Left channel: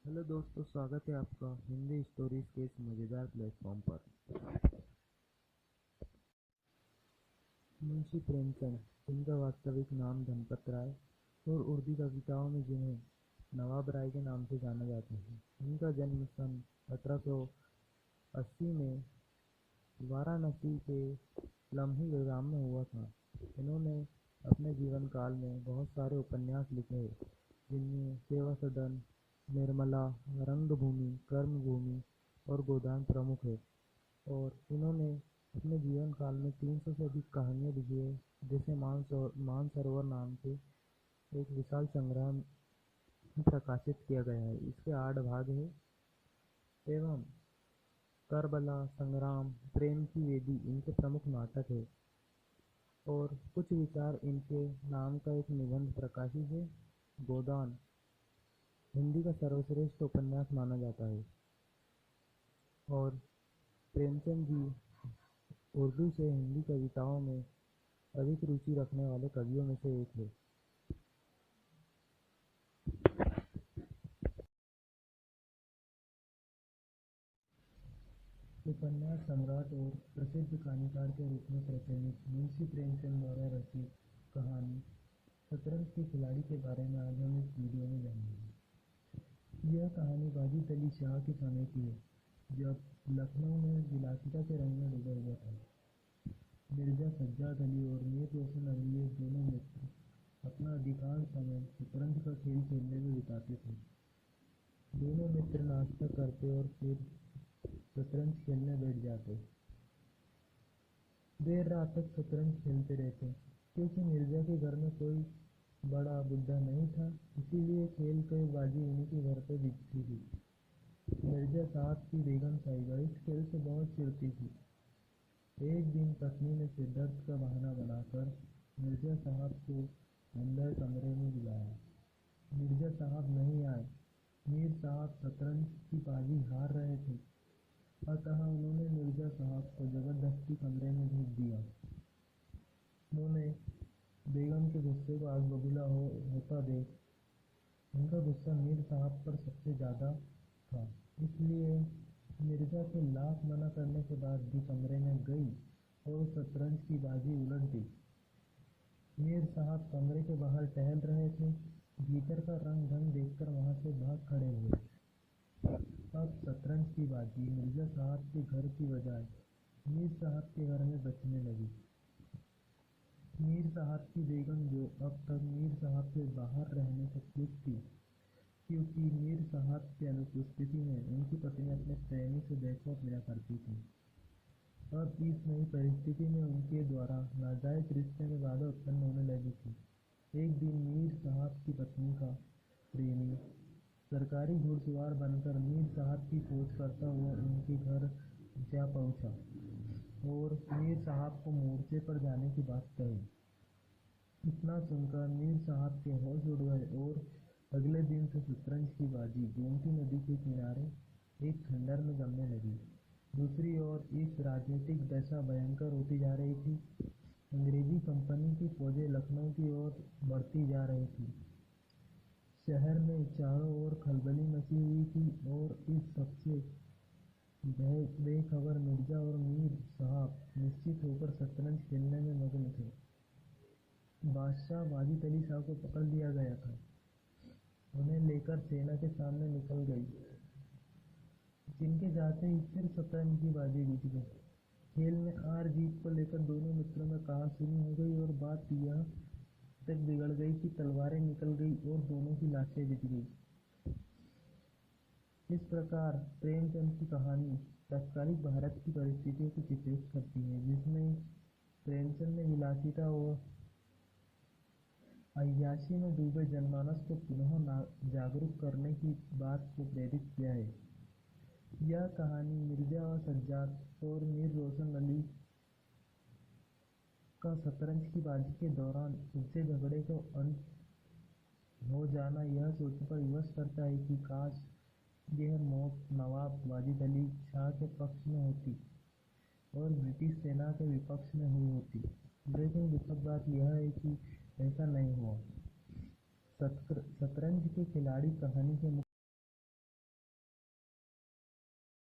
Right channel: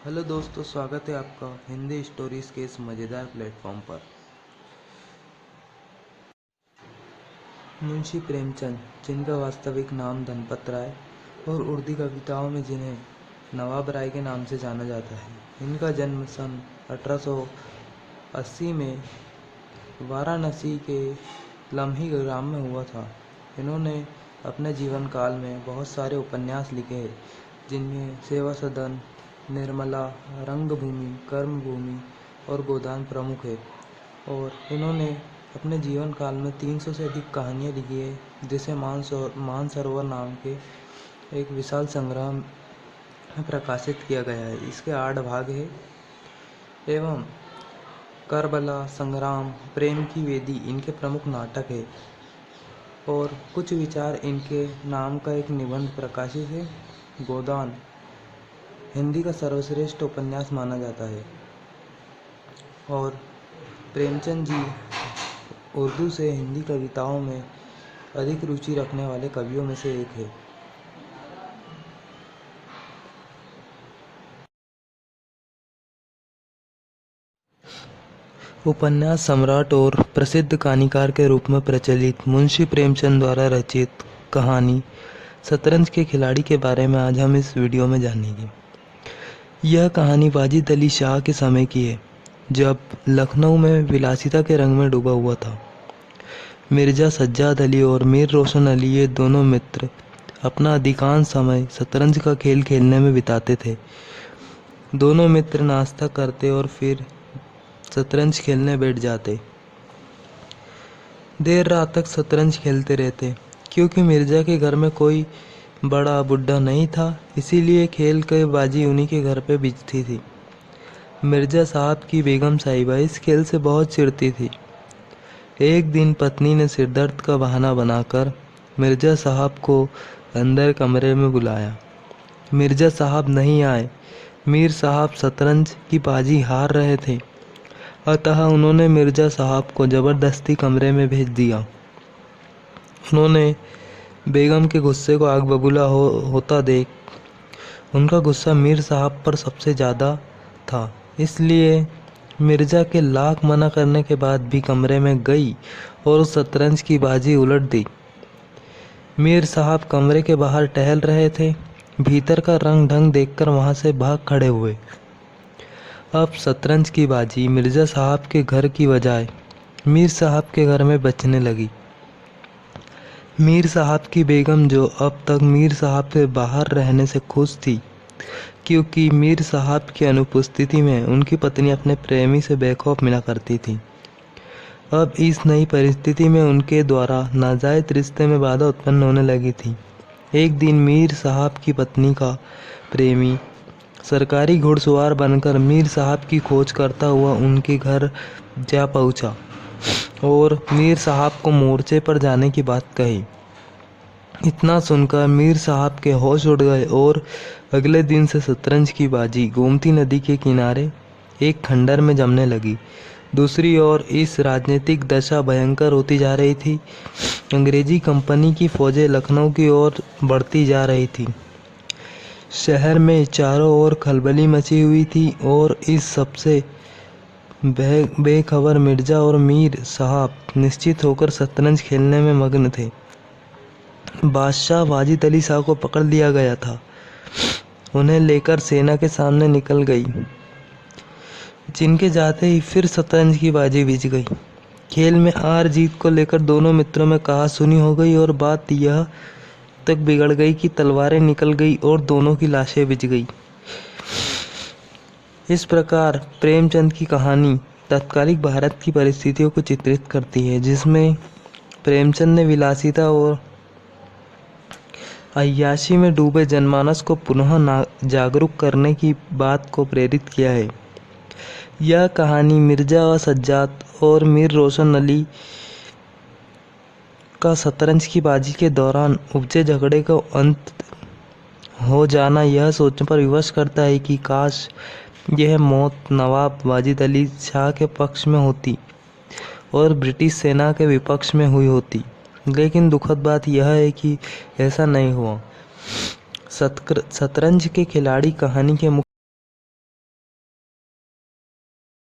Hello दोस्तों, स्वागत है आपका हिंदी स्टोरीज के इस मज़ेदार प्लेटफॉर्म पर। मुंशी प्रेमचंद, जिनका वास्तविक नाम धनपत राय और उर्दू कविताओं में जिन्हें नवाब राय के नाम से जाना जाता है, इनका जन्म सन 1880 में वाराणसी के लम्ही ग्राम में हुआ था। इन्होंने अपने जीवन काल में बहुत सारे उपन्यास लिखे हैं, जिनमें सेवा सदन, निर्मला, रंगभूमि, कर्मभूमि और गोदान प्रमुख है। और इन्होंने अपने जीवन काल में 300 से अधिक कहानियाँ लिखी है, जिसे मानसरोवर नाम के एक विशाल संग्रह में प्रकाशित किया गया है। इसके 8 भाग है एवं करबला, संग्राम, प्रेम की वेदी इनके प्रमुख नाटक है और कुछ विचार इनके नाम का एक निबंध प्रकाशित है। गोदान हिंदी का सर्वश्रेष्ठ उपन्यास माना जाता है और प्रेमचंद जी उर्दू से हिंदी कविताओं में अधिक रुचि रखने वाले कवियों में से एक है। उपन्यास सम्राट और प्रसिद्ध कहानीकार के रूप में प्रचलित मुंशी प्रेमचंद द्वारा रचित कहानी शतरंज के खिलाड़ी के बारे में आज हम इस वीडियो में जानेंगे। यह कहानी वाजिद अली शाह के समय की है, जब लखनऊ में विलासिता के रंग में डूबा हुआ था। मिर्ज़ा सज्जाद अली और मीर रोशन अली, ये दोनों मित्र, अपना अधिकांश समय शतरंज का खेल खेलने में बिताते थे। दोनों मित्र नाश्ता करते और फिर शतरंज खेलने बैठ जाते। देर रात तक शतरंज खेलते रहते। क्योंकि मिर्ज़ा के घर में कोई बड़ा बुढ़ा नहीं था, इसीलिए खेल के बाजी उन्हीं के घर पे बिजती थी। मिर्ज़ा साहब की बेगम साहिबा इस खेल से बहुत चिढ़ती थी। एक दिन पत्नी ने सिरदर्द का बहाना बनाकर मिर्ज़ा साहब को अंदर कमरे में बुलाया। मिर्ज़ा साहब नहीं आए। मीर साहब शतरंज की बाजी हार रहे थे, अतः उन्होंने मिर्ज़ा साहब को ज़बरदस्ती कमरे में भेज दिया। उन्होंने बेगम के गुस्से को आग बबूला होता देख उनका गुस्सा मीर साहब पर सबसे ज़्यादा था, इसलिए मिर्ज़ा के लाख मना करने के बाद भी कमरे में गई और शतरंज की बाजी उलट दी। मीर साहब कमरे के बाहर टहल रहे थे। भीतर का रंग ढंग देखकर वहाँ से भाग खड़े हुए। अब शतरंज की बाजी मिर्ज़ा साहब के घर की बजाय मीर साहब के घर में बचने लगी। मीर साहब की बेगम, जो अब तक मीर साहब के बाहर रहने से खुश थी, क्योंकि मीर साहब की अनुपस्थिति में उनकी पत्नी अपने प्रेमी से बेखौफ मिला करती थी, अब इस नई परिस्थिति में उनके द्वारा नाजायज़ रिश्ते में बाधा उत्पन्न होने लगी थी। एक दिन मीर साहब की पत्नी का प्रेमी सरकारी घुड़सवार बनकर मीर साहब की खोज करता हुआ उनके घर जा पहुंचा और मीर साहब को मोर्चे पर जाने की बात कही। इतना सुनकर मीर साहब के होश उड़ गए और अगले दिन से शतरंज की बाजी गोमती नदी के किनारे एक खंडर में जमने लगी। दूसरी ओर इस राजनीतिक दशा भयंकर होती जा रही थी। अंग्रेजी कंपनी की फौजें लखनऊ की ओर बढ़ती जा रही थी। शहर में चारों ओर खलबली मची हुई थी और इस सबसे बेखबर मिर्ज़ा और मीर साहब निश्चित होकर शतरंज खेलने में मग्न थे। बादशाह वाजिद अली शाह को पकड़ लिया गया था। उन्हें लेकर सेना के सामने निकल गई, जिनके जाते ही फिर शतरंज की बाजी बिछ गई। खेल में हार जीत को लेकर दोनों मित्रों में कहासुनी हो गई और बात यह तक बिगड़ गई कि तलवारें निकल गई और दोनों की लाशें बिछ गई। इस प्रकार प्रेमचंद की कहानी तत्कालिक भारत की परिस्थितियों को चित्रित करती है, जिसमें प्रेमचंद ने विलासिता और अय्याशी में डूबे जनमानस को पुनः जागरूक करने की बात को प्रेरित किया है। यह कहानी मिर्ज़ा सज्जाद और मीर रोशन अली का शतरंज की बाजी के दौरान उपजे झगड़े का अंत हो जाना यह सोचने पर विवश करता है कि काश यह मौत नवाब वाजिद अली शाह के पक्ष में होती और ब्रिटिश सेना के विपक्ष में हुई होती। लेकिन दुखद बात यह है कि ऐसा नहीं हुआ। शतरंज के खिलाड़ी कहानी के